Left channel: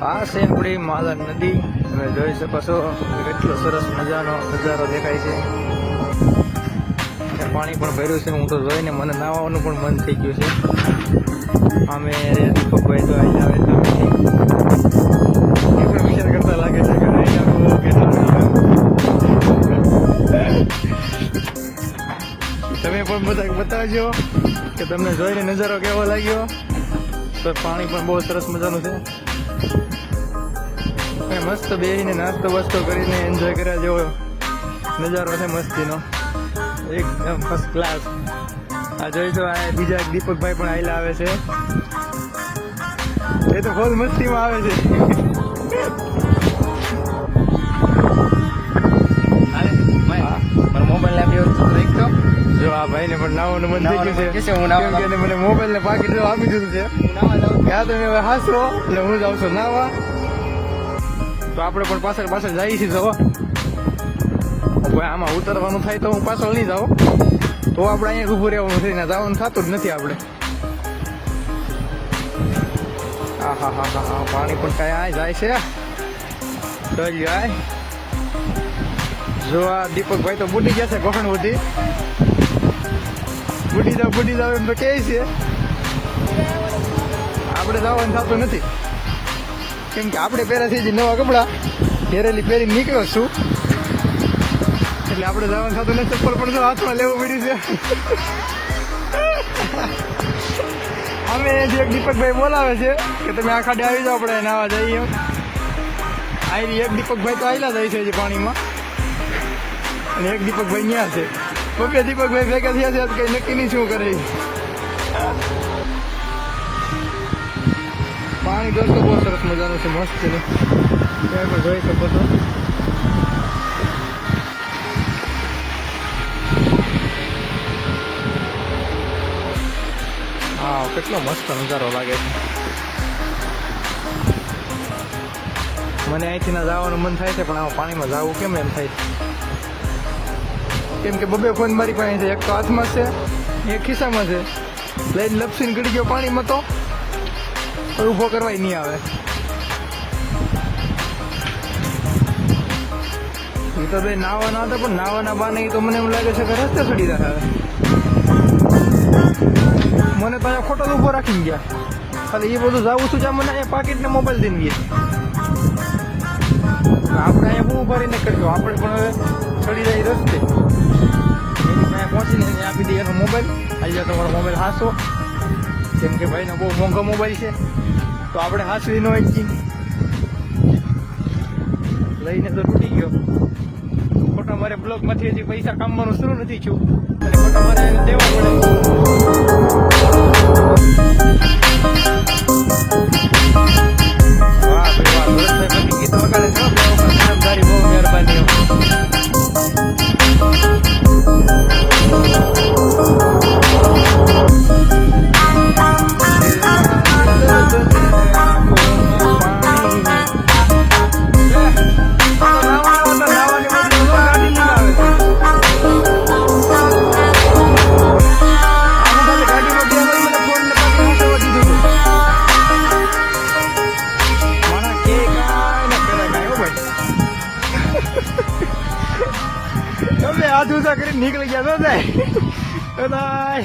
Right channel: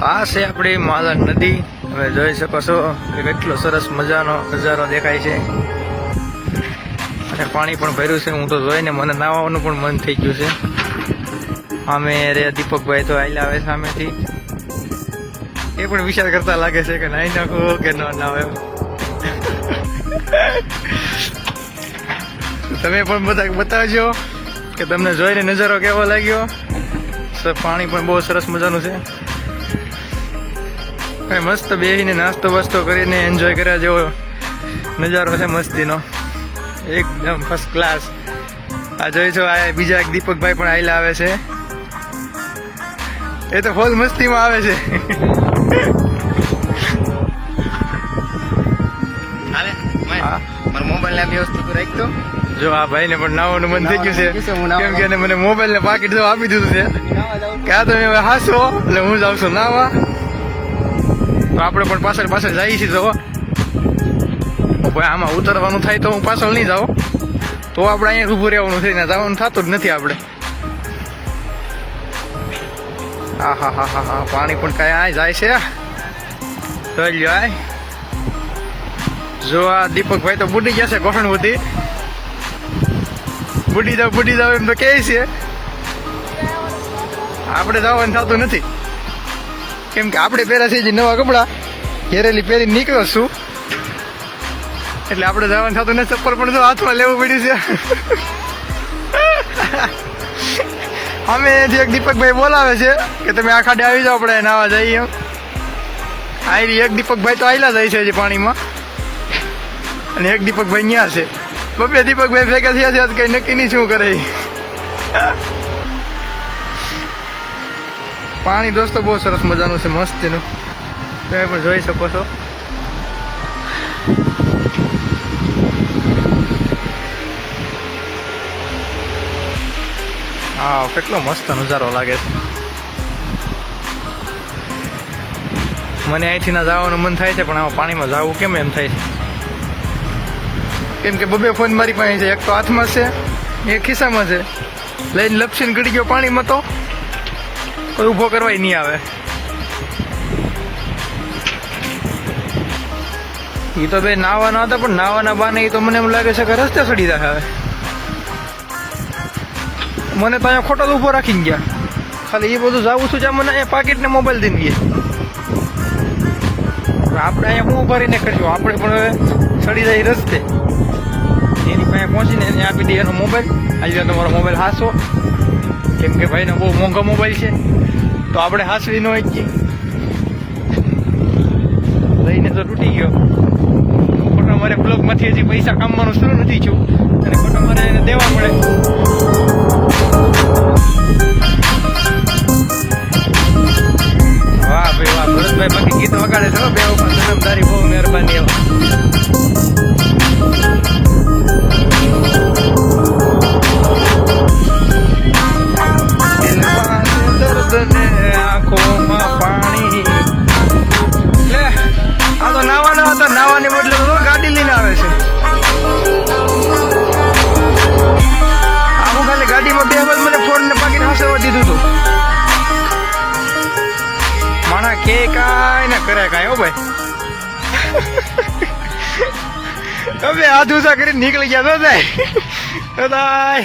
આ છે આપણી માલન નદી. તમે જોઈ શકો છો કે કેટલો સરસ મજાનો નજારો દેખાય છે. અને પાણી પણ ભર્યું છે. હું તો જોઈને મને નાહવાનું પણ મન થઈ ગયું છે. અમે રે દીપકભાઈ તો આઈને આવે સામેથી. એ પણ વિચાર કરતા લાગે છે કે નાઈ નાખવું કે ન નાવે તમે પણ બધા બતાવજો કે તમને જોઈને નજારો કેવો લાગ્યો? પાણી પણ બહુ સરસ મજાનું છે. અને મસ્ત બેસીને નાસ્તો વાસ્તો કરીને એન્જોય કર્યા જેવો નજારો છે મસ્તીનો. એકદમ ફર્સ્ટ ક્લાસ આ જોઈશું આ બીજા એક દીપકભાઈ પણ આવેલા આવે છે. એ તો ફોલ મસ્તીમાં આવે છે. ના જો આ ભાઈને પણ નાવાનું મન થઈ ગયું છે. હું કેમ કે મને મોબાઈલ ને પાકીટ આપી દીધું છે. નાવા કે આ તમે હવે હાસો? એટલે હું જાઉં છું નાવા. તો આપણે પણ પાછળ પાછળ જઈએ છીએ તો ભાઈ આમાં ઉતરવાનું થાય તો હું પાછળ નહીં જાઉં. તો આપણે અહીંયા ઊભું રહેવાનું થઈને જવાનું થતું જ નથી આપણે. હા હા હા હા હા પાણી પણ કાંઈ આ જાય છે જોઈ લ્યો, આય. જો આ દીપકભાઈ તો બુડી ગયા છે ગોઠણ બધી બુડી જાવ બુડી જાવ એમ તો કહે છે. આપણે જવાનું થતું નથી. કેમ કે આપણે પહેર્યા છે જે નવા કપડાં ઘેરેલી પહેરી નીકળો છું એટલે આપણે જવાનું થતું નથી ચપ્પલ પણ જો હાથમાં લેવું પડ્યું છે. અમે જે એક દીપકભાઈ બોલાવે છે કે તમે આ ખાડે આવી જાઓ, આપણે નાવા જઈએ. એમ એક દીપકભાઈ તો આવેલા જાય છે પાણીમાં. અને એક દીપકભાઈ ત્યાં છે. બબે દીપકભાઈ ભેગા થયા છે કઈ નક્કી નહીં શું કરે. પાણી દોસ્તો બહુ સરસ મજાનું છે, મસ્તીનું. તમે પણ જોઈ શકો છો. હા, કેટલો મસ્ત નજારો લાગે છે. મને અહીંથી ના જવાનું મન થાય છે, પણ આમાં પાણીમાં જવું કેમ એમ થાય છે? કેમ કે બબે ફોન મારી પાસે છે, એક તો હાથમાં છે, એક ખિસ્સામાં છે. લઈને લપસીને ગળી ગયો પાણીમાં તો. કોઈ ઊભો કરવાય નહીં આવે. એ તો બે નાવાના હતા, પણ નાવાના બાને એ તો મને એમ લાગે છે કે રસ્તે સડી જાય હવે. મને તો અહીંયા ખોટો ઊભો રાખીને ગયા. ખાલી એ બધું જાવું છું જ્યાં મને અહીંયા પાકીટ ને મોબાઈલ દઈને ગયા. આપણે અહીંયા હું ઊભા રહીને કરશું? આપણે પણ હવે સડી જાય રસ્તે. એની પાસે પહોંચીને એને આપી દઈએ એનો મોબાઈલ આજે તમારો મોબાઈલ હાસો. કેમ કે ભાઈનો બહુ મોંઘો મોબાઈલ છે. તો આપણે હાસવી ન હોય લઈને તો તૂટી ગયો. ખોટા મારે બ્લોગમાંથી હજી પૈસા કામવાનું શરૂ નથી થયું. અને ખોટા મારે એને દેવા પડે. વાહ ભાઈ, વાહ. ભરતભાઈ બાકી ગીત વગાડે છે બે વખત. જન્મદારી બહુ વખત મને ફોન ને પાકીને હસાવવા દીધું હતું માણા કે કાંઈ ના કરે કાંઈ, હો ભાઈ. તમે હાથ ઊંચા કરીને નીકળી ગયા તો તો થાય